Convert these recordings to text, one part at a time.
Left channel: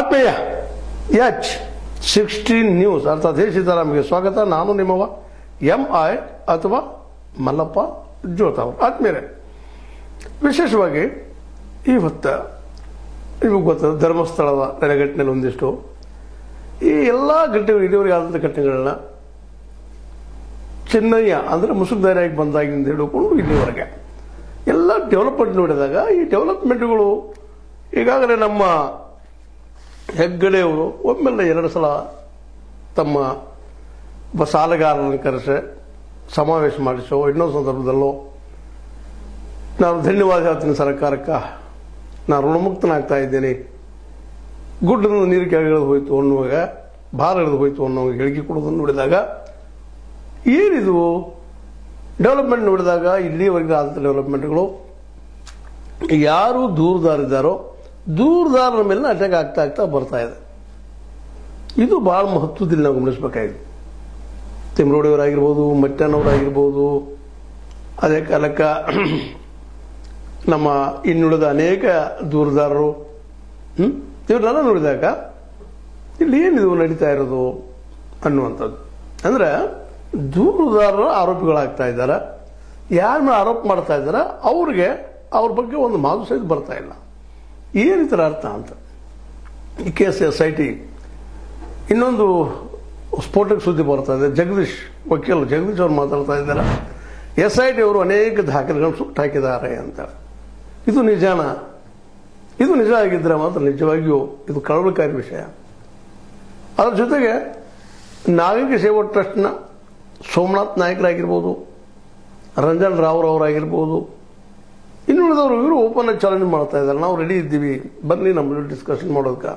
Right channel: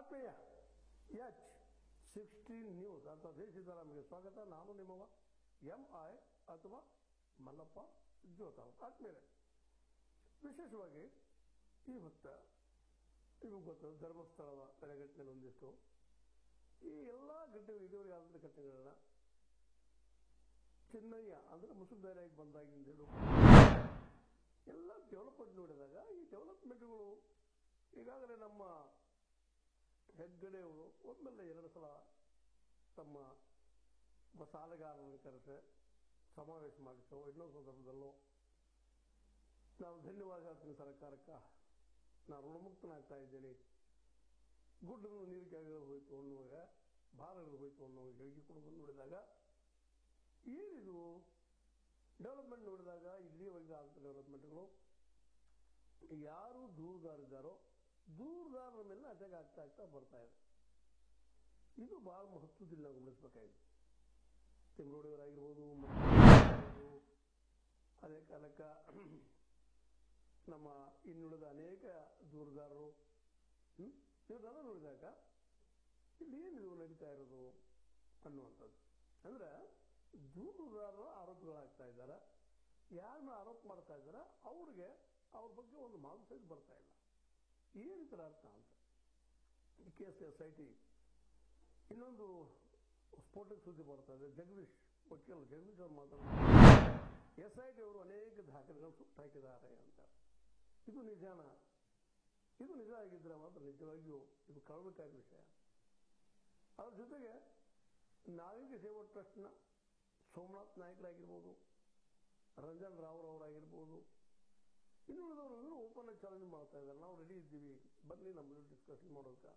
ಆತ್ಮೀಯ H16 news ಅರ್ಥಾತ್ ಹೇ ಸೀತಾರಾಮ್ಗೆ ಸ್ವಾಗತ. ನಾನು ನಿಮ್ಮವ MI ಅಥವಾ ಮಲ್ಲಪ್ಪ ಜೋತಾವ್. ಆತ್ಮೀಯರೇ, ವಿಶೇಷವಾಗಿ ಇವತ್ತು ನಿಮಗೆ ಗೊತ್ತದ ಧರ್ಮಸ್ಥಳದ ನೆಲೆಗಟ್ಟಿನಲ್ಲಿ ಒಂದಿಷ್ಟು ಈ ಎಲ್ಲ ಘಟನೆಗಳು ಇದುವರೆಗೆ ಆದಂಥ ಘಟನೆಗಳನ್ನ ಚೆನ್ನಯ್ಯ ಅಂದರೆ ಮುಸುಕುದಾರಿಯಾಗಿ ಬಂದಾಗಿಂದ ಹಿಡ್ಕೊಂಡು ಇಲ್ಲಿವರೆಗೆ ಎಲ್ಲ ಡೆವಲಪ್ಮೆಂಟ್ ನೋಡಿದಾಗ ಈ ಡೆವಲಪ್ಮೆಂಟ್ಗಳು ಈಗಾಗಲೇ ನಮ್ಮ ಹೆಗ್ಗಡೆಯವರು ಒಮ್ಮೆಲ್ಲ 2 ಸಲ ತಮ್ಮ ಒಬ್ಬ ಸಾಲಗಾರರನ್ನು ಕರೆಸಿ ಸಮಾವೇಶ ಮಾಡಿಸೋ, ಇನ್ನೊಂದು ಸಂದರ್ಭದಲ್ಲೋ ನಾನು ಧನ್ಯವಾದ ಹೇಳ್ತೀನಿ ಸರ್ಕಾರಕ್ಕೆ, ನಾನು ಋಣಮುಕ್ತನಾಗ್ತಾ ಇದ್ದೇನೆ, ಗುಡ್ಡದ ನೀರು ಕೆಳಗಿಳಿದು ಹೋಯಿತು ಅನ್ನುವಾಗ, ಭಾರ ಇಳಿದು ಹೋಯಿತು ಅನ್ನೋ ಹೇಳಿಕೆ ಕೊಡೋದನ್ನು ನೋಡಿದಾಗ ಏನಿದು ಡೆವಲಪ್ಮೆಂಟ್ ನೋಡಿದಾಗ ಇಲ್ಲಿವರೆಗೆ ಆದಂಥ ಡೆವಲಪ್ಮೆಂಟ್ಗಳು ಯಾರು ದೂರದಾರಿದ್ದಾರೋ ದೂರದಾರರ ಮೇಲೆ ಅಟ್ಯಾಕ್ ಆಗ್ತಾ ಬರ್ತಾ ಇದೆ. ಇದು ಭಾಳ ಮಹತ್ವದಲ್ಲಿ ನಾವು ಗಮನಿಸಬೇಕಾಗಿದೆ. ತಿಮ್ರೋಡಿಯವರಾಗಿರ್ಬೋದು, ಮಟ್ಟನವರಾಗಿರ್ಬೋದು, ಅದೇ ಕಾಲಕ್ಕೆ ನಮ್ಮ ಇನ್ನುಳಿದ ಅನೇಕ ದೂರದಾರರು ಇವರೆಲ್ಲ ನೋಡಿದಾಗ ಇಲ್ಲಿ ಏನಿದು ನಡೀತಾ ಇರೋದು ಅನ್ನುವಂಥದ್ದು. ಅಂದರೆ ದೂರದಾರರ ಆರೋಪಿಗಳಾಗ್ತಾ ಇದ್ದಾರೆ. ಯಾರ ಮೇಲೆ ಆರೋಪ ಮಾಡ್ತಾ ಇದ್ದಾರೆ ಅವ್ರಿಗೆ ಅವ್ರ ಬಗ್ಗೆ ಒಂದು ಮಾತು ಸಹಿತ ಬರ್ತಾ ಇಲ್ಲ. ಏನಿತರ ಅರ್ಥ ಅಂತ ಈ ಕೇಸ್ SIT ಇನ್ನೊಂದು ಸ್ಫೋಟಕ ಸುದ್ದಿ ಬರ್ತಾ ಇದೆ. ವಕೀಲರು ಜಗದೀಶ್ ಅವರು ಮಾತಾಡ್ತಾ ಇದ್ದಾರೆ, SIT ಅವರು ಅನೇಕ ದಾಖಲೆಗಳನ್ನು ಸುಟ್ಟು ಹಾಕಿದ್ದಾರೆ ಅಂತ. ಇದು ನಿಜಾನ? ಇದು ನಿಜ ಆಗಿದ್ದರೆ ಮಾತ್ರ ನಿಜವಾಗಿಯೂ ಇದು ಕಳವಳಕಾರಿ ವಿಷಯ. ಅದರ ಜೊತೆಗೆ ನಾಗರಿಕ ಸೇವಾ ಟ್ರಸ್ಟ್ನ ಸೋಮನಾಥ್ ನಾಯಕರಾಗಿರ್ಬೋದು, ರಂಜನ್ ರಾವ್ ಅವರಾಗಿರ್ಬೋದು, ಇನ್ನುಳಿದವರು ಇವರು ಓಪನ್ ಆಗಿ ಚಾಲೆಂಜ್ ಮಾಡ್ತಾ ಇದ್ದಾರೆ. ನಾವು ರೆಡಿ ಇದ್ದೀವಿ, ಬನ್ನಿ ನಮ್ಮ ಡಿಸ್ಕಷನ್ ಮಾಡೋದಕ್ಕೆ,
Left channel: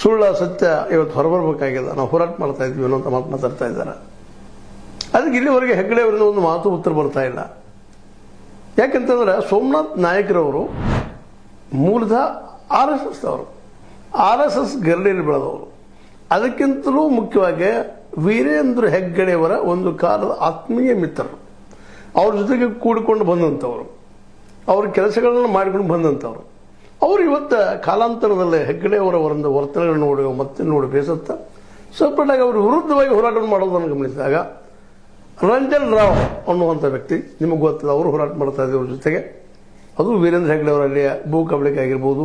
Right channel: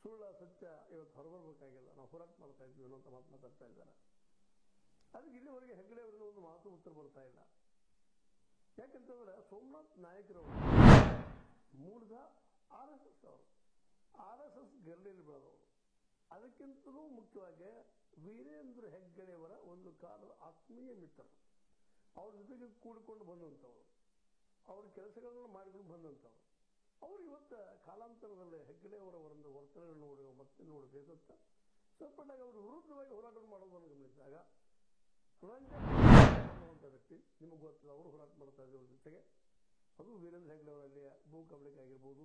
ಸುಳ್ಳ ಸತ್ಯ ಇವತ್ತು ಹೊರಬರಬೇಕಾಗಿದೆ, ನಾವು ಹೋರಾಟ ಮಾಡ್ತಾ ಇದ್ವಿ ಅನ್ನೋ ಮಾತು ಮಾತಾಡ್ತಾ ಇದ್ದಾರೆ. ಅದಕ್ಕೆ ಇಲ್ಲಿವರೆಗೆ ಹೆಗ್ಗಡೆ ಅವರಿಂದ ಒಂದು ಮಾತು ಉತ್ತರ ಬರ್ತಾ ಇಲ್ಲ. ಯಾಕೆಂತಂದ್ರೆ ಸೋಮನಾಥ್ ನಾಯಕರವರು ಮೂಲತಃ RSS ಅವರು, RSS ಗರಡಿಯಲ್ಲಿ ಬೆಳೆದವರು. ಅದಕ್ಕಿಂತಲೂ ಮುಖ್ಯವಾಗಿ ವೀರೇಂದ್ರ ಹೆಗ್ಗಡೆಯವರ ಒಂದು ಕಾಲದ ಆತ್ಮೀಯ ಮಿತ್ರರು, ಅವ್ರ ಜೊತೆಗೆ ಕೂಡಿಕೊಂಡು ಬಂದಂಥವ್ರು, ಅವ್ರ ಕೆಲಸಗಳನ್ನು ಮಾಡಿಕೊಂಡು ಬಂದಂಥವ್ರು. ಅವರು ಇವತ್ತು ಕಾಲಾಂತರದಲ್ಲಿ ಹೆಗ್ಗಡೆಯವರ ಒಂದು ವರ್ತನೆಗಳನ್ನು ನೋಡಿ ಮತ್ತೆ ನೋಡಿ ಬೇಸತ್ತ ಸಪ್ರೇಟಾಗಿ ಅವರು ವಿರುದ್ಧವಾಗಿ ಹೋರಾಟ ಮಾಡೋದನ್ನು ಗಮನಿಸಿದಾಗ ರಂಜನ್ ರಾವ್ ಅನ್ನುವಂಥ ವ್ಯಕ್ತಿ ನಿಮಗೆ ಗೊತ್ತದ, ಅವರು ಹೋರಾಟ ಮಾಡ್ತಾ ಇದ್ದಾರೆ ಅವ್ರ ಜೊತೆಗೆ. ಅದು ವೀರೇಂದ್ರ ಹೆಗ್ಗಡೆಯವರ ಅಲ್ಲಿಯ ಭೂ ಕಬಳಿಕೆ ಆಗಿರ್ಬೋದು,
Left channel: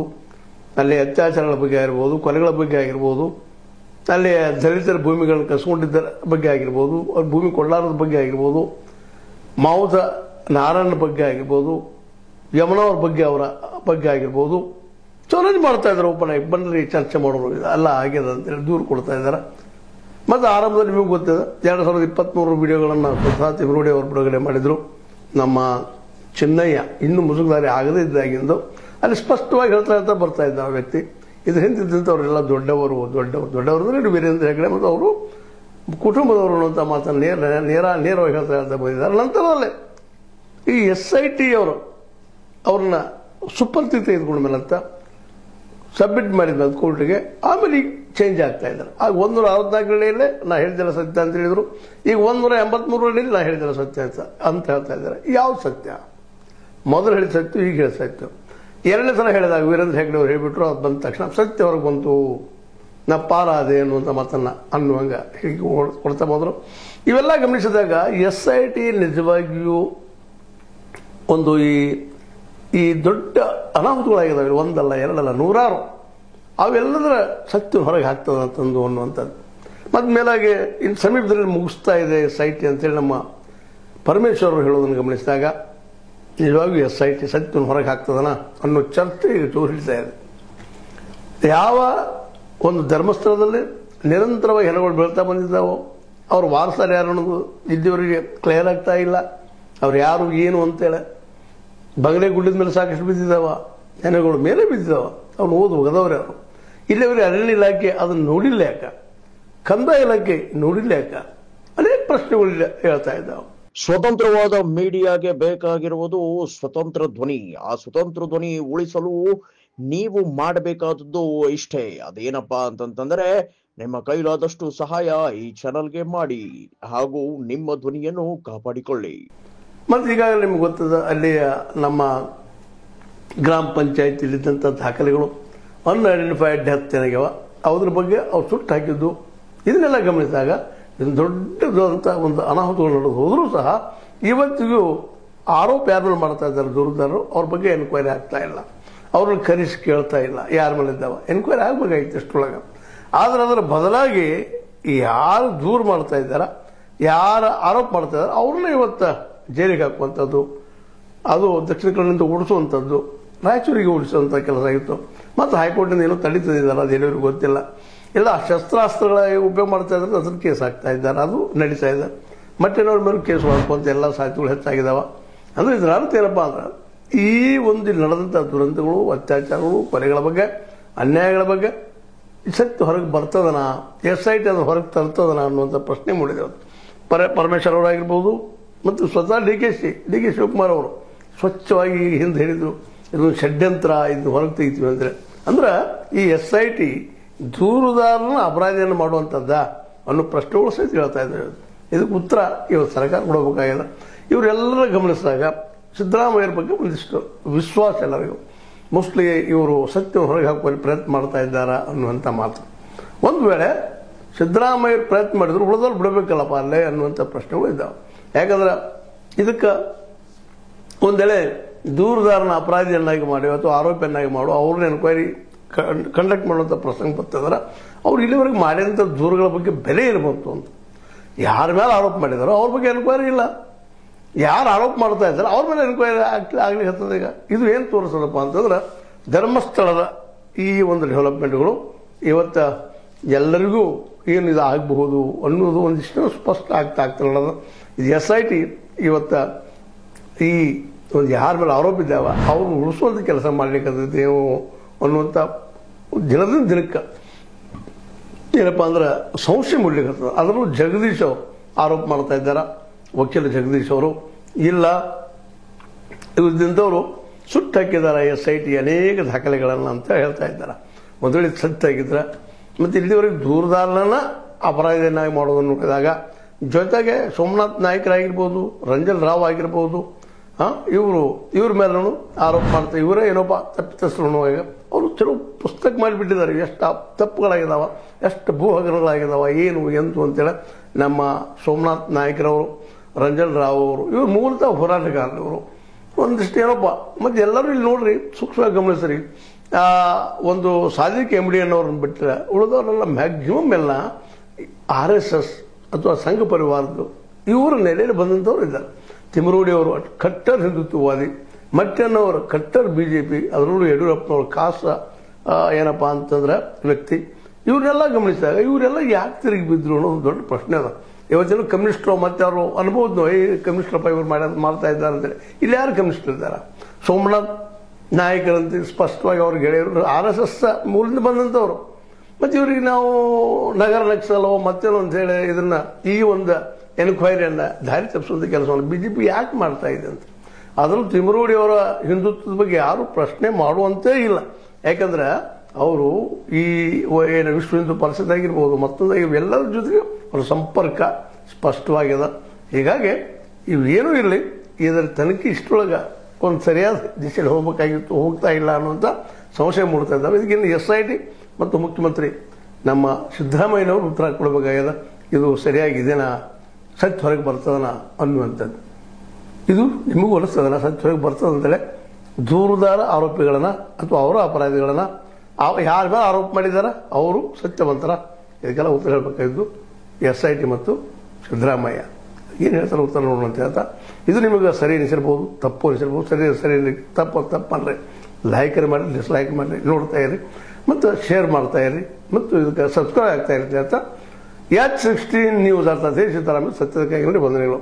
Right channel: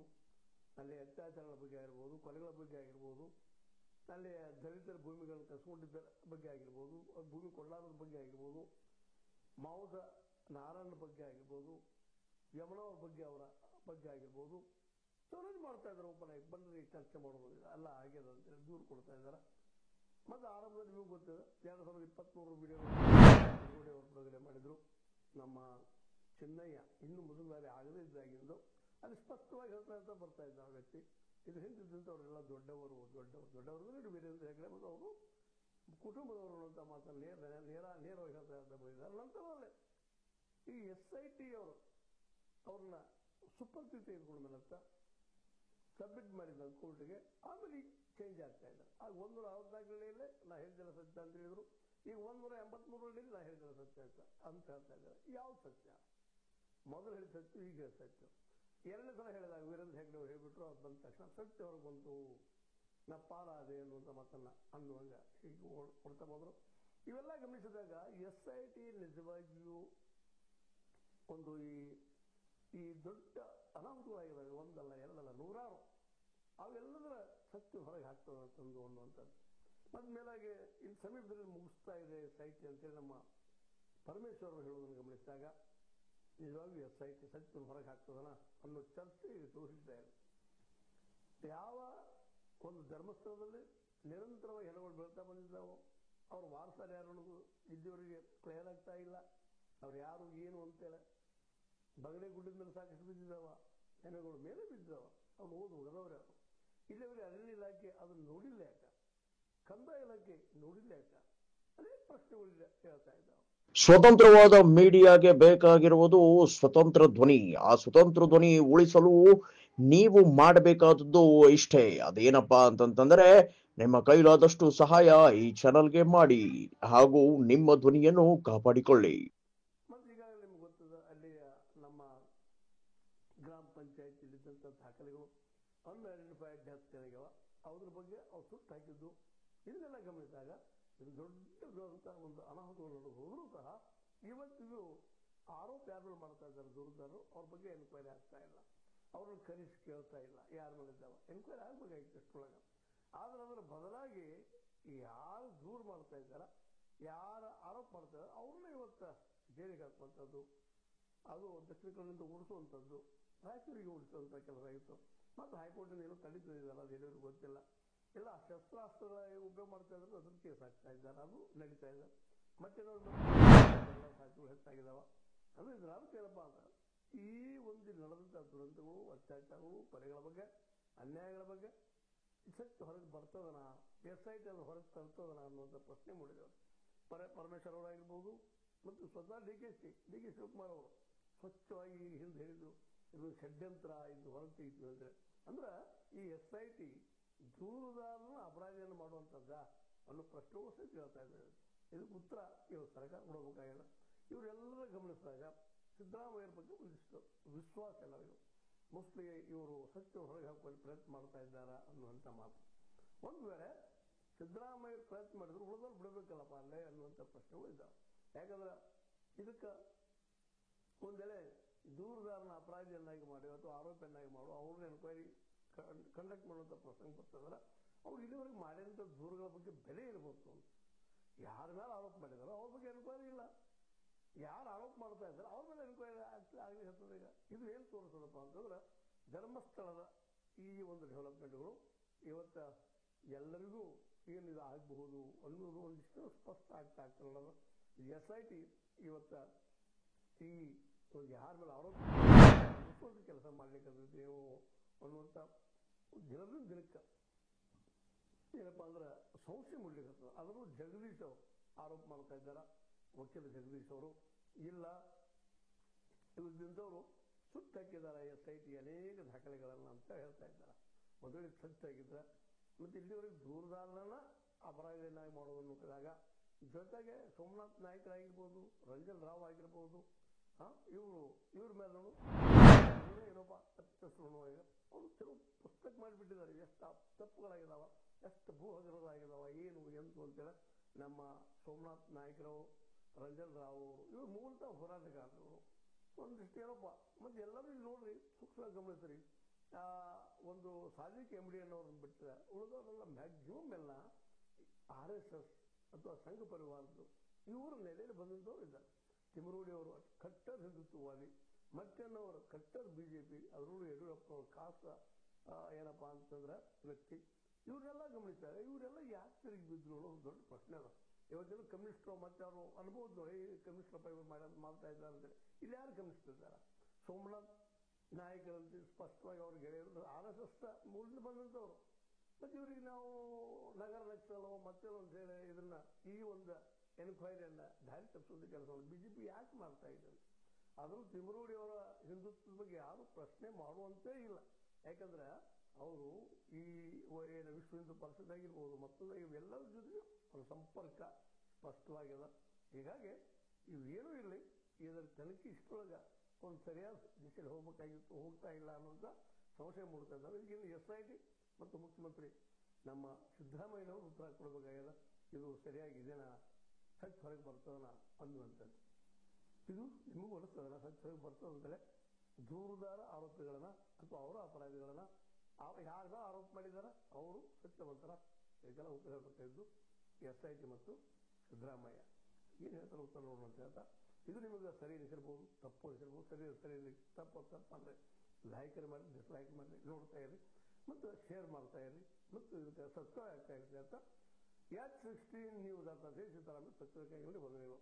ಅಲ್ಲಿ ಅತ್ಯಾಚಾರಗಳ ಬಗ್ಗೆ ಆಗಿರ್ಬೋದು, ಕೊಲೆಗಳ ಬಗ್ಗೆ ಆಗಿರ್ಬೋದು, ಅಲ್ಲಿ ದಲಿತರ ಭೂಮಿಗಳನ್ನು ಕಸ್ಕೊಂಡಿದ್ದ ಬಗ್ಗೆ ಆಗಿರ್ಬೋದು, ಅವ್ರ ಭೂಮಿ ಕೊಳ್ಳಾರದ ಬಗ್ಗೆ ಆಗಿರ್ಬೋದು, ಮಾವುತ ನಾರಾಯಣ ಬಗ್ಗೆ ಆಗಿರ್ಬೋದು, ಯಮನವ್ರ ಬಗ್ಗೆ ಅವರ ಬಗ್ಗೆ ಆಗಿರ್ಬೋದು, ಚಾಲೆಂಜ್ ಮಾಡ್ತಾ ಇದ್ದಾರೆ. ಓಪನ್ ಆಗಿ ಬನ್ನಿ ಚರ್ಚೆ ಮಾಡೋರು, ಅಲ್ಲ ಆಗ್ಯದ ಅಂತೇಳಿ ದೂರು ಕೊಡ್ತಾ ಇದ್ದಾರೆ. ಮತ್ತು ಆರಂಭದಲ್ಲಿ ನಿಮಗೆ ಗೊತ್ತಿದೆ 2023 ವಿಡಿಯೋಗಳನ್ನು ತಿಮ್ರೋಡಿ ಅವರು ಬಿಡುಗಡೆ ಮಾಡಿದರು. ನಮ್ಮ ಚೆನ್ನಯ್ಯ ಇನ್ನೂ ಮುಸುಕುದಾರಿ ಆಗದೇ ಇದ್ದಾಗಿಂದು ಅಲ್ಲಿ ಸ್ಪಷ್ಟವಾಗಿ ಹೇಳ್ತಾ ಬರ್ತಾ ಇದ್ದ ಆ ವ್ಯಕ್ತಿ. ಇದು ಹಿಂದಿದ್ದಂಥವರೆಲ್ಲ ದೊಡ್ಡವರು ಅಂದರೆ ವೀರೇಂದ್ರ ಹೆಗ್ಗಡೆ ಮತ್ತು ಅವರು ಕುಟುಂಬದವರು ಅನ್ನುವಂಥ ಮಾತನ್ನು ನೇರವಾಗಿ ಹೇಳ್ತಾ ಬಂದಿದ್ದಾರೆ. ನಂತರದಲ್ಲೇ ಈ SIT ಅವರು ಅವ್ರನ್ನ ಸುಪರ್ತಿ ತೆಗೆದುಕೊಂಡ ಮೇಲೆ ಅಂತ ಸಬ್ಮಿಟ್ ಮಾಡಿದ್ವಿ ಅದು ಕೋರ್ಟಿಗೆ. ಆಮೇಲೆ ಈಗ ಚೇಂಜ್ ಆಗ್ತಾ ಇದ್ದಾರೆ. ಆಗ 164 ಅಡಿಯಲ್ಲೇ ನಾ ಹೇಳಿದೆಲ್ಲ ಸತ್ಯ ಅಂತ ಹೇಳಿದರು. ಈಗ 183 ಅಡಿಯಲ್ಲಿ ನಾ ಹೇಳಿದೆಲ್ಲ ಸತ್ಯ ಅಂತ ಹೇಳ್ತಾ ಇದ್ದಾರೆ. ಯಾವ ಸತ್ಯ? ಮೊದಲು ಹೇಳಿದ ಸತ್ಯ, ಈಗ ಹೇಳಿದ ಸತ್ಯ. 2ನೇ ಸಲ ಹೇಳಿದಾಗ ವೀರೇಂದ್ರ ಹೆಗ್ಗಡೆ ಅವರು ಹೇಳಿಬಿಟ್ರು. ಅದು ಬಂದ ತಕ್ಷಣ ಸತ್ಯ ಹೊರಗೆ ಬಂತು, ನಾ ಪಾರಾದೆ ಅನ್ನುವಂಥ ಮಾತನ್ನು ಅನ್ನುವಂಗೆ ಹೀಗೆ ಕೊಡ್ತಾ ಬಂದರು. ಇವೆಲ್ಲ ಗಮನಿಸಿದಾಗ SIT ನಿಜವಾಗಿಯೂ ಒಂದು ಈ ದೊಡ್ಡ ಅನಾಹುತಗಳಾಗಿದ್ದಾವೆ. ಒಂದಲ್ಲ, ಎರಡಲ್ಲ, ನೂರಾರು. ಅವೆಲ್ಲದರ ಸತ್ಯ ಹೊರಗೆ ಆಗ್ತದೆ ಅಂತಂದು ಅನ್ನುವಂಥದ್ದು. ಮತ್ತು ಮೇಲಾಗಿ ಇನ್ನು ಸಮೀಪದಲ್ಲಿ ಮುಗಿಸ್ತಾ ಇದೆ SIT ಅಂತೇಳಿ ನಮ್ಮ ಪರಮೇಶ್ವರರು ಹೇಳೋದನ್ನು ಗಮನಿಸಿದಾಗ ನಿಜವಾಗಿಯೂ SIT ಸತ್ಯವನ್ನು ಹೊರಗೆ ಹಾಕ್ತದನ ಅನ್ನೋ ಚರ್ಚೆ ಈಗ ಹಿಡಿತಾ ಇದೆ. ಯಾವ ಒಂದು ಧರ್ಮಸ್ಥಳದಲ್ಲಿ ನಿರಂತರವಾಗಿ ಹೆಣಗಳು ಬೀಳ್ತಾ ಬಂದಿದ್ದಾವೋ ಅವ್ರ ವಾರಸಾರು ಯಾರು ಅನ್ನೋದು ಇಲ್ಲಿವರೆಗೆ ಕ್ಲಿಯರ್ ಆಗ್ತಾ ಇಲ್ಲ. ಅವ್ರು ಯಾರು ಏನು ಅಂತೇಳಿ ಬಂಗಲೆ ಗುಡ್ಡದ ಮೇಲೆ ಸಾಕಷ್ಟು ಬಿದ್ದಿದ್ದಾವ, ಹೆಣಗಳು ಮೇಲೆ ಬಿದ್ದಿದ್ದಾವ. ಅವ್ನು ಹೋಗದವ್ರು ಯಾರು? ಇಲ್ಲಿವರೆಗೆ ಅರಣ್ಯ ಇಲಾಖೆ ಅದನ್ನು ನೋಡಿಲ್ಲ ಯಾಕ? ಕಂದಾಯ ಇಲಾಖೆ ನೋಡಿಲ್ಲ ಯಾಕ? ಅನೇಕ ಪ್ರಶ್ನೆಗಳಿಲ್ಲ ಹೇಳ್ತಾ ಇದ್ದಾವೆ. ಸ್ವತಂತ್ರವಾದ ಮೀಡಿಯಾಗೆ ಬೇಕಾಗಿರುವುದು ಸ್ವತಂತ್ರ ಧ್ವನಿ. ಆ ಸ್ವತಂತ್ರ ಧ್ವನಿ ಉಳಿಸಲು ನೀವು ಮಾಡಬೇಕಾದದ್ದು ಇಷ್ಟೇ. ಅದೇನಪ್ಪಾ ಅಂತಂದ್ರೆ ನಿಮ್ಮ ಕೈಲಾದಷ್ಟು ಸಹಾಯ ಈ ಚಾನಲ್ಗೆ ಮಾಡಿ ಹಾಗೂ ನಿಮ್ಮ ಧ್ವನಿಯನ್ನು ಕಾಪಾಡಿಕೊಳ್ಳಿ. ಮತ್ತು ಈಗಾಗಲೇ ನಿಮ್ಗೆ ಗೊತ್ತದ, ಅಲ್ಲಿ ನಮ್ಮ ಗ್ರಾಮ ಪಂಚಾಯತಿಲಿದ್ದಂಥ ದಾಖಲೆಗಳು ಅನ್ಐಡೆಂಟಿಫೈಡ್ ಡೆತ್ ಏನಾಗ್ಯಾವ ಅದ್ರ ಬಗ್ಗೆ ಅವ್ರು ಸುಟ್ಟು ಹಾಕಿದ್ದು ಇದನ್ನೆಲ್ಲ ಗಮನಿಸಿದಾಗ ಇದು ದೊಡ್ಡದಂಥ ಒಂದು ಅನಾಹುತಗಳು ನಡೆದು ಹೋದರೂ ಸಹ ಇವತ್ತಿಗೂ ಆರೋಪ ಯಾರ ಮೇಲೆ ಮಾಡ್ತಾ ಇದ್ದಾರೆ ದೂರದಾರರು ಅವ್ರ ಬಗ್ಗೆ ಎನ್ಕ್ವೈರಿ ಆಗ್ತಾ ಇಲ್ಲ, ಅವ್ರನ್ನ ಕರೆಸಿ ಕೇಳ್ತಾ ಇಲ್ಲ ಯಾರ ಮೇಲೆ ಇದ್ದಾವ. ಎನ್ಕ್ವೈರಿ ಆಗಬೇಕಾಗಿತ್ತು ಅಷ್ಟರೊಳಗೆ. ಆದರೆ ಅದರ ಬದಲಾಗಿ ಯಾರು ದೂರ ಮಾಡ್ತಾ ಇದ್ದಾರ, ಯಾರು ಆರೋಪ ಮಾಡ್ತಾ ಇದ್ದಾರೆ ಅವ್ರನ್ನ ಇವತ್ತು ಜೈಲಿಗೆ ಹಾಕುವಂಥದ್ದು, ಅದು ದಕ್ಷಿಣ ಕನ್ನಡದಿಂದ ಓಡಿಸುವಂಥದ್ದು, ರಾಯಚೂರಿಗೆ ಓಡಿಸುವಂಥ ಕೆಲಸ ಆಗಿತ್ತು. ಮತ್ತು ಹೈಕೋರ್ಟಿಂದ ಏನೋ ತಡೀತಿದ್ದಾರೆ, ಅದೇನೋ ಗೊತ್ತಿಲ್ಲ. ಇಲ್ಲ ಶಸ್ತ್ರಾಸ್ತ್ರಗಳ ಉಪಯೋಗ ಮಾಡ್ತಾ ಇದ್ದಾರೆ, ಅದ್ರ ಕೇಸ್ ಹಾಕ್ತಾ ಇದ್ದಾರೆ, ಅದು ನಡೀತಾ ಇದೆ. ಮತ್ತೇನವ್ರ ಮೇಲೆ ಕೇಸ್ ಮಾಡ್ಕೊಂತ ಎಲ್ಲ ಸಾಧ್ಯತೆಗಳು ಹೆಚ್ಚಾಗಿದ್ದಾವೆ. ಅಂದರೆ ಇದರ ಅರ್ಥ ಏನಪ್ಪ ಅಂದ್ರೆ ಈ ಒಂದು ನಡೆದಂಥ ದುರಂತಗಳು, ಅತ್ಯಾಚಾರಗಳು, ಕೊಲೆಗಳ ಬಗ್ಗೆ, ಅನ್ಯಾಯಗಳ ಬಗ್ಗೆ ಸತ್ಯ ಹೊರಗೆ ಬರ್ತದನಾ, SIT ಅದು ಹೊರಗೆ ತರ್ತದನಾ ಅನ್ನುವಂಥ ಪ್ರಶ್ನೆ ಮೂಡಿದೆ. ಪರಮೇಶ್ವರ್ ಅವರಾಗಿರ್ಬೋದು ಮತ್ತು ಸ್ವತಃ ಡಿ ಕೆ ಶಿವಕುಮಾರ್ ಅವರು ಸ್ವಚ್ಛವಾಗಿ ಹಿಂದೆ ಹೇಳಿದರು, ಇದೊಂದು ಷಡ್ಯಂತ್ರ, ಇದು ಹೊರಗೆ ತೆಗಿತೀವಿ ಅಂದರೆ. ಅಂದ್ರೆ ಈ SIT ದೂರುದಾರನ ಅಪರಾಧಿಯನ್ನು ಮಾಡುವಂಥದ್ದ ಅನ್ನೋ ಪ್ರಶ್ನೆಗಳು ಸಹಿತ ಹೇಳ್ತಾ ಇದ್ದಾರೆ. ಇದಕ್ಕೆ ಉತ್ತರ ಇವತ್ತು ಸರ್ಕಾರ ಕೊಡಬೇಕಾಗಿದೆ. ಇವರೆಲ್ಲರ ಗಮನಿಸಿದಾಗ ಸಿದ್ದರಾಮಯ್ಯರ ಬಗ್ಗೆ ಒಂದಿಷ್ಟು ವಿಶ್ವಾಸ ಎಲ್ಲರಿಗೂ, ಮೋಸ್ಟ್ಲಿ ಇವರು ಸತ್ಯವನ್ನು ಹೊರಗೆ ಹಾಕುವಲ್ಲಿ ಪ್ರಯತ್ನ ಮಾಡ್ತಾ ಇದ್ದಾರಾ ಅನ್ನುವಂಥ ಮಾತು. ಒಂದು ವೇಳೆ ಸಿದ್ದರಾಮಯ್ಯರು ಪ್ರಯತ್ನ ಮಾಡಿದ್ರು ಉಳಿದವ್ರು ಬಿಡಬೇಕಲ್ಲಪ್ಪ ಅಲ್ಲೇ ಅನ್ನುವಂಥ ಪ್ರಶ್ನೆಗಳು ಇದ್ದಾವೆ. ಯಾಕಂದ್ರೆ ಇದಕ್ಕೆ ಒಂದೇಳೆ ದೂರದಾರನ ಅಪರಾಧಿಯನ್ನಾಗಿ ಮಾಡಿ ಅಥವಾ ಆರೋಪಿಯನ್ನಾಗಿ ಮಾಡು, ಅವ್ರನ್ನ ಎನ್ಕ್ವೈರಿ ಕಂಡಕ್ಟ್ ಮಾಡುವಂಥ ಪ್ರಸಂಗ ಬರ್ತದಾರ, ಅವ್ರು ಇಲ್ಲಿವರೆಗೆ ಮಾಡಿದಂಥ ದೂರುಗಳ ಬಗ್ಗೆ ಬೆಲೆ ಇರಬಹುದು ಅಂತ. ಯಾರ ಮೇಲೆ ಆರೋಪ ಮಾಡಿದಾರೋ ಅವ್ರ ಬಗ್ಗೆ ಎನ್ಕ್ವೈರಿ ಇಲ್ಲ, ಯಾರು ಆರೋಪ ಮಾಡ್ತಾ ಇದ್ದಾರೆ ಅವ್ರ ಮೇಲೆ ಎನ್ಕ್ವೈರಿ ಆಗ್ಲಿಕ್ಕೆ ಹತ್ತದ. ಈಗ ಇದು ಏನು ತೋರಿಸೋದಪ್ಪ ಅಂತಂದ್ರೆ ಧರ್ಮಸ್ಥಳದ ಈ ಒಂದು ಡೆವಲಪ್ಮೆಂಟ್ಗಳು ಇವತ್ತು ಎಲ್ಲರಿಗೂ ಏನು ಇದು ಆಗಬಹುದು ಅನ್ನೋದು ಒಂದಿಷ್ಟು ಸ್ಪಷ್ಟ ಆಗ್ತಿರೋದು. ಇದು SIT ಇವತ್ತು ಈ ಒಂದು ಯಾರ ಮೇಲೆ ಆರೋಪ ಇದ್ದಾವ ಅವ್ರನ್ನ ಉಳಿಸುವಂಥ ಕೆಲಸ ಮಾಡ್ಲಿಕ್ಕೇವು ಅನ್ನುವಂಥ ದಿನದಿಂದ ದಿನಕ್ಕೆ ಏನಪ್ಪ ಅಂದ್ರೆ ಸಂಶಯ ಮೂಡ್ಲಿಕ್ಕೆ. ಅದರಲ್ಲೂ ಜಗದೀಶ್ ಅವರು ಆರೋಪ ಮಾಡ್ತಾ ಇದ್ದಾರೆ, ವಕೀಲ ಜಗದೀಶ್ ಅವರು. ಇಲ್ಲ ಇವ್ರದಿಂದವರು ಸುಟ್ಟು ಹಾಕಿದ್ದಾರೆ SIT ಅನೇಕ ದಾಖಲೆಗಳನ್ನು ಅಂತ ಹೇಳ್ತಾ ಇದ್ದಾರೆ. ಒಂದು ವೇಳೆ ಸತ್ಯ ಆಗಿದ್ರೆ ಮತ್ತು ಇಲ್ಲಿವರೆಗೆ ದೂರದಾರನ ಅಪರಾಧಿಯನ್ನಾಗಿ ಮಾಡೋದನ್ನು ನೋಡಿದಾಗ ಜೊತೆಗೆ ಸೋಮನಾಥ್ ನಾಯ್ಕರಾಗಿರ್ಬೋದು, ರಂಜನ್ ರಾವ್ ಆಗಿರ್ಬೋದು, ಇವ್ರ ಮೇಲೂ ಆರೋಪ ಮಾಡ್ತಾರೆ. ಇವರೇ ಏನೋಪ್ಪ ತಪ್ಪಿತಸ್ಥರು. ಅವರು ಕೆಲವು ಪುಸ್ತಕ ಮಾಡಿಬಿಟ್ಟಿದ್ದಾರೆ, ಎಷ್ಟು ತಪ್ಪುಗಳಾಗಿದ್ದಾವೆ, ಎಷ್ಟು ಭೂ ಹಗರಣಗಳಾಗಿದ್ದಾವೆ, ಏನು ಎಂತು ಅಂತೇಳಿ. ನಮ್ಮ ಸೋಮನಾಥ್ ನಾಯ್ಕರವರು, ರಂಜನ್ ರಾವ್ ಅವರು ಇವರು ಮೂಲತಃ ಹೋರಾಟಗಾರರು. ಒಂದಿಷ್ಟು ಏನಪ್ಪ ಮತ್ತು ಎಲ್ಲರೂ ಇಲ್ಲಿ ನೋಡ್ರಿ ಸೂಕ್ಷ್ಮವಾಗಿ ಗಮನಿಸ್ರಿ, ಒಂದು ಸಾದಿಕ್ MD ಅನ್ನೋರನ್ನ ಬಿಟ್ಟರೆ ಉಳಿದವರೆಲ್ಲ ಮ್ಯಾಕ್ಸಿಮಮ್ ಎಲ್ಲ RSS ಅಥವಾ ಸಂಘ ಪರಿವಾರದ್ದು ಇವರ ನೆಲೆಯಲ್ಲಿ ಬಂದಂಥವ್ರು ಇದ್ದಾರೆ. ತಿಮರೋಡಿ ಅವರು ಕಟ್ಟರ್ ಹಿಂದುತ್ವವಾದಿ, ಮಟ್ಟಣ್ಣವರು ಕಟ್ಟರ್ BJP, ಅದರಲ್ಲೂ ಯಡಿಯೂರಪ್ಪನವರು ಕಾಸ ಏನಪ್ಪ ಅಂತಂದ್ರೆ ವ್ಯಕ್ತಿ. ಇವ್ರನ್ನೆಲ್ಲ ಗಮನಿಸಿದಾಗ ಇವರೆಲ್ಲ ಯಾಕೆ ತಿರುಗಿ ಬಿದ್ರು ಅನ್ನೋದು ದೊಡ್ಡ ಪ್ರಶ್ನೆ ಅದ. ಇವತ್ತೇನು ಕಮ್ಯುನಿಸ್ಟರು ಮತ್ತೆ ಅವರು ಅನ್ಬೋದು, ಕಮ್ಯುನಿಸ್ಟರಪ್ಪ ಇವ್ರು ಮಾಡ್ತಾ ಇದ್ದಾರೆ ಅಂತೇಳಿ. ಇಲ್ಲಿ ಯಾರು ಕಮ್ಯುನಿಸ್ಟರ್ ಇದ್ದಾರೆ? ಸೋಮನಾಥ್ ನಾಯಕರಂತೆ ಸ್ಪಷ್ಟವಾಗಿ ಅವ್ರಿಗೆ ಗೆಳೆಯರು RSS ಮೂಲದಿಂದ ಬಂದಂಥವ್ರು. ಮತ್ತು ಇವ್ರಿಗೆ ನಾವು ನಗರ ನಕ್ಸಲೋ ಮತ್ತೇನೋ ಅಂತ ಹೇಳಿ ಇದನ್ನ ಈ ಒಂದು ಎನ್ಕ್ವೈರಿಯನ್ನು ದಾರಿ ತಪ್ಪಿಸುವಂಥ ಕೆಲಸವನ್ನು BJP ಯಾಕೆ ಮಾಡ್ತಾ ಇದೆ ಅಂತ. ಅದರಲ್ಲೂ ತಿಮರೋಡಿ ಅವರ ಹಿಂದುತ್ವದ ಬಗ್ಗೆ ಯಾರು ಪ್ರಶ್ನೆ ಮಾಡುವಂತೇ ಇಲ್ಲ. ಯಾಕಂದ್ರೆ ಅವರು ಈ ಏನು ವಿಶ್ವ ಹಿಂದೂ ಪರಿಷತ್ ಆಗಿರ್ಬೋದು, ಮತ್ತೊಂದಾಗಿರ್ಬೋದು, ಎಲ್ಲರ ಜೊತೆಗೆ ಅವರ ಸಂಪರ್ಕ ಸ್ಪಷ್ಟವಾಗಿದೆ. ಹೀಗಾಗಿ ಇವೇನೂ ಇರಲಿ, ಇದರ ತನಿಖೆ ಇಷ್ಟರೊಳಗೆ ಒಂದು ಸರಿಯಾದ ದಿಶೆಯಲ್ಲಿ ಹೋಗಬೇಕಾಗಿತ್ತು, ಹೋಗ್ತಾ ಇಲ್ಲ ಅನ್ನುವಂಥ ಸಂಶಯ ಮೂಡ್ತಾ ಇದ್ದಾವೆ. ಇದಕ್ಕಿಂತ SIT ಮತ್ತು ಮುಖ್ಯಮಂತ್ರಿ ನಮ್ಮ ಸಿದ್ದರಾಮಯ್ಯನವರು ಉತ್ತರ ಕೊಡಬೇಕಾಗಿದೆ. ಇದು ಸರಿಯಾಗಿದೆನಾ, ಸತ್ಯ ಹೊರಗೆ ಬರ್ತದನ ಅನ್ನುವಂಥದ್ದು. ಇದು ನಿಮಗೂ ಅನಿಸ್ತದನ ಸತ್ಯ ಹೊರಗೆ ಬರ್ತದಂತಲೇ? ದೂರುದಾರ ಆರೋಪಿಗಳನ್ನ ಅಥವಾ ಅವರ ಅಪರಾಧಿಗಳನ್ನ ಯಾರ ಮೇಲೆ ಆರೋಪ ಮಾಡಿದಾರ ಅವರು ಸತ್ಯವಂತರ? ಇದಕ್ಕೆಲ್ಲ ಉತ್ತರ ಹೇಳಬೇಕಾಗಿದ್ದು SIT ಮತ್ತು ಸಿದ್ದರಾಮಯ್ಯ ಏನು ಹೇಳ್ತಾರೆ ಉತ್ತರ ನೋಡೋಣ ಅಂತ ಹೇಳ್ತಾ, ಇದು ನಿಮಗೆ ಸರಿ ಅನಿಸಿರ್ಬೋದು, ತಪ್ಪು ಅನಿಸಿರ್ಬೋದು. ಸರಿ ತಪ್ಪು ಅಂದರೆ ಲೈಕ್ ಮಾಡಿ, ಡಿಸ್ಲೈಕ್ ಮಾಡಿ, ನೋಡ್ತಾ ಇರಿ ಮತ್ತು ಶೇರ್ ಮಾಡ್ತಾ ಇರಿ ಮತ್ತು ಇದಕ್ಕೆ ಸಬ್ಸ್ಕ್ರೈಬ್ ಆಗ್ತಾ ಇರಿ ಅಂತ ಹೇಳ್ತಾ H16 ನ್ಯೂಸ್ ಅರ್ಥಾತ್ ಸಿದ್ದರಾಮಯ್ಯ ಸತ್ಯದ ಕೈಗೊಂಡು ವಂದನೆಗಳು.